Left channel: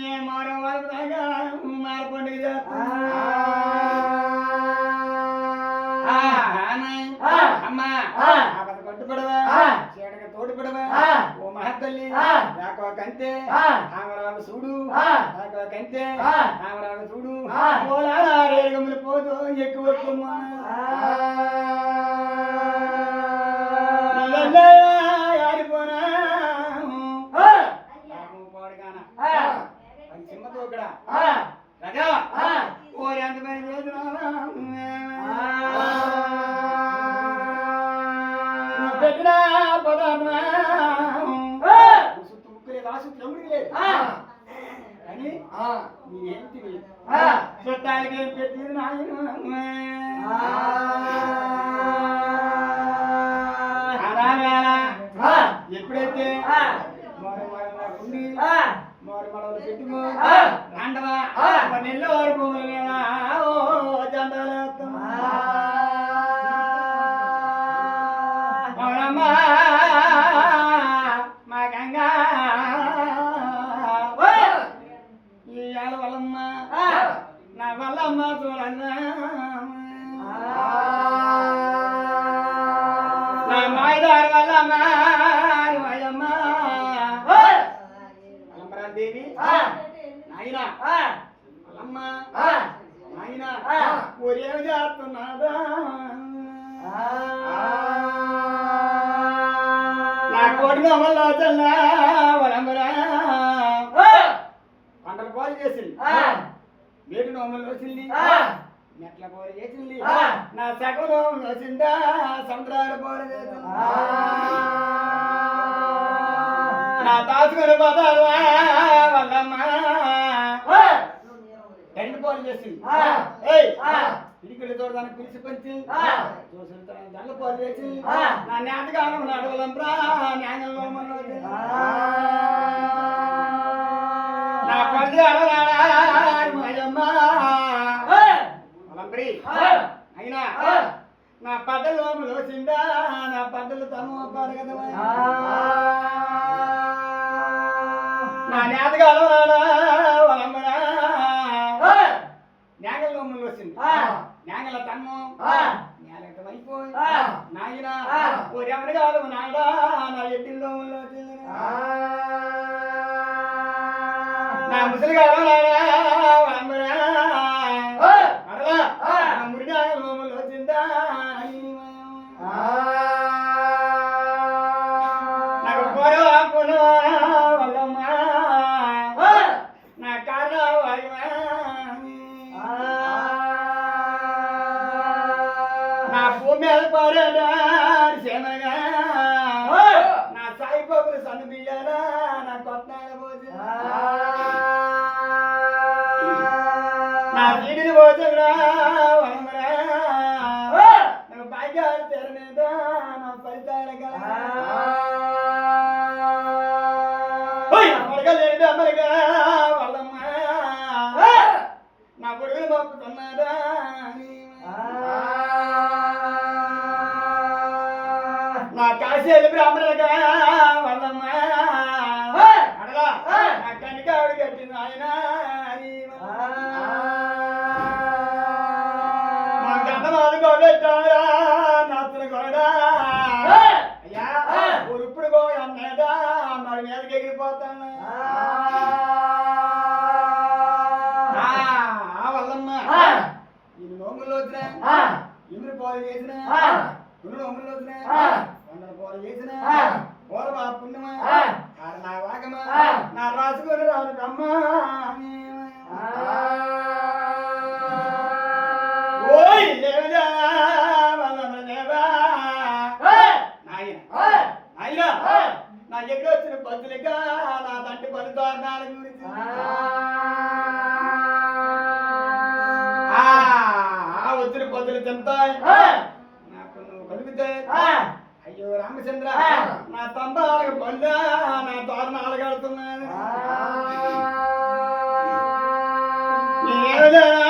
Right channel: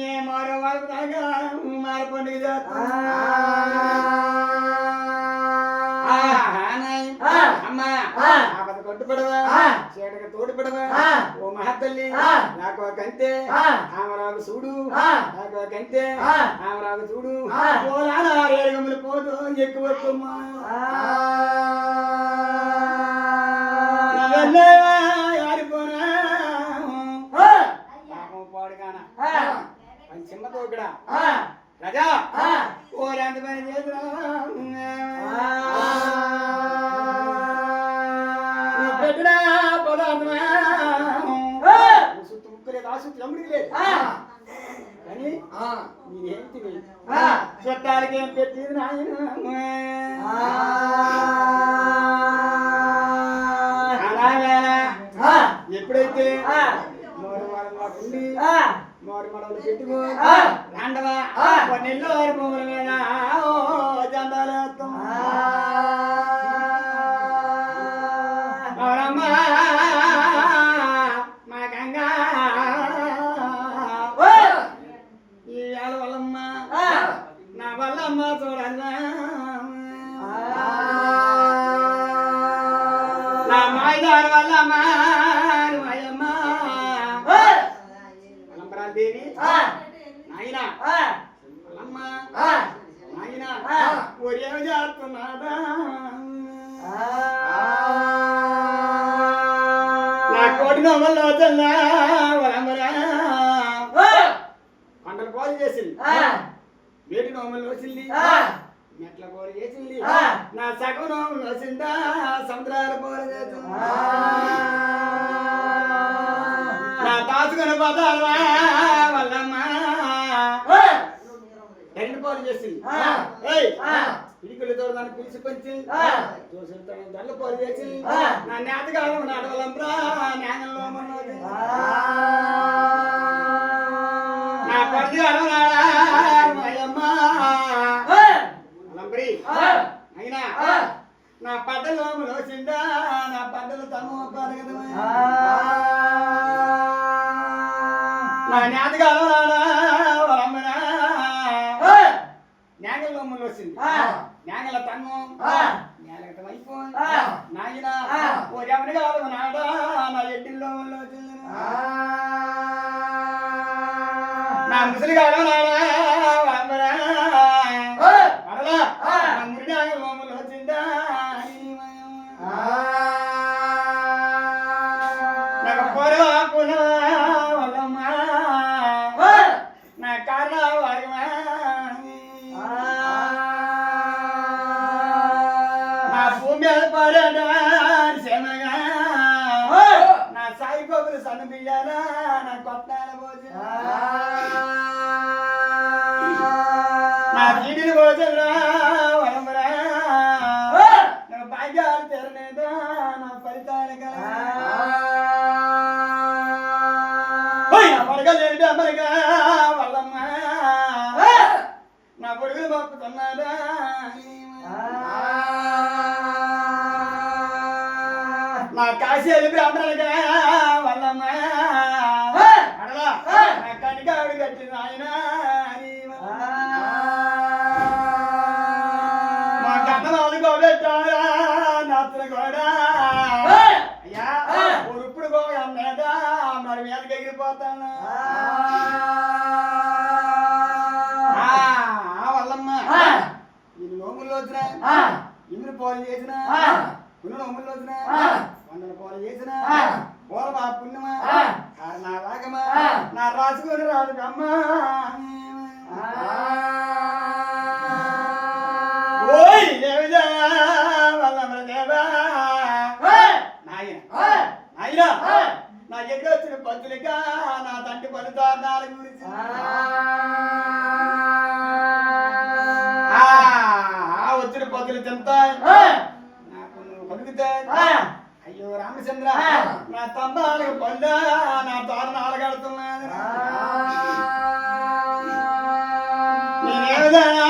ఏ మారు వాడుదాగా మారు పండుగ అమ్మా కట్టుపడవా చీడక తోడుపడవా ఓ మహత్తల్లి నాకు ఒక అంతే ఆమెరాకు చూడు నాకు ఒక అంతే ఆమెరాకు చూడు రేగములు పోదు ఎక్కువ ఆడిపోనా పాడుగానా చిన్నతో ఇక్కడ రజా ఓ ఎంత పని చేసినా పెట్టినా పదార్థమా సుత్తు ముక్కు లేదు ఆ సుత్తు అమ్ముడికి లేదు కానీ మీరేంటి చట్టాలకి ఏం పెట్టింది నాయన ఎప్పుడైతే ఉండి మారు మడవలు పెట్టుకో రాండవా నెల్లో వారి భూముల మీద జెండాలు మా గంగా ఈ ఏళ్ళ వల్లమ్మ నా వల్లమ్మ చూడన్నా నా మాయదారి వల్లమ్మ మాయమ్మ దేవి నాయన వల్లమ్మ నాయన ఒరే చేస్తున్నాదా కోడి నోమల్లో చల్లా పంటలు పాలు చేసింది వేటి నోమల్లో వచ్చింది మెట్ల పోలు చేసింది నా సగం నోములు వచ్చిందా సముద్రాల పోలు చేసింది నా తాసుకుని పదావా వల్లమ్మ రెండు పోలు చేసింది ఇడికలతో దాన్ని పిలిచి పంచి దండ పోలు చేసి నా నేతగా ఉన్నాడు వాళ్ళంతా న్యాయంలో నా పది అడగాడమ్మ వాళ్ళంపరి అయినా నా పడ్డలు వచ్చిందా నా పడ్డలు తను ఒప్పారు కదా నా నేతగా వాళ్ళమ్మరా న్యాగల లోమలు వచ్చింది న్యాగల తన్ను న్యాగల అయిపోయి నాయన ఓ ఎవరి కాదు నాడా నా ఎడ్డిల్లో వచ్చింది నా ముసలి కాదు నాడా అడలా నా మురి న్యాగల లోమలు వచ్చిందా నాకు పోరా వాళ్ళమ్మ నా కారణం సేమగా నా సాయి బాబులు సన్ను బియ్యాలా నా కొట్టాల భోజన నా జీడిని భోజన వనమరా నా భాగ్యాలు తెరనేదా నా ఫలితాల పడగలేడు అమరిగా వాళ్ళమ్మ నా పొడుగులు మొక్కుతున్నారా నా కాశీలు బ్రాహ్మణులుగా వాళ్ళమ్మ అడలా నా కనికాడు కట్టిన ఆయన మా గతనాలు గోబెట్టారా నాతను కూడా అయ్యా ఇప్పుడు కూడా మీద మరి మీదకి ఎగిరిపోతాను వాళ్ళమ్మ ఇది నోములు వచ్చినా ఇన్ని పోలు చేసిన కొన్ని నోములు వచ్చినా వందల పోలు చేసిన పోల మా పుణ్యమా నా వాగమా నా రాసుకొని రాదు అమ్మా ఓయ్ దేవదా వల్లమ్మ దేవా నాయన నాయన నా ఎక్కడ వచ్చిన పంచులుగా నా తండ్రి పలుదారణాల గురించి వచ్చిన పొద్దులు తింటాయి నాకు నువ్వు కలుగుతాయి అయ్యో రామచంద్ర నా తంబాలకు పండా నా తోరణాలు కడుతున్నాను నేనేదైనా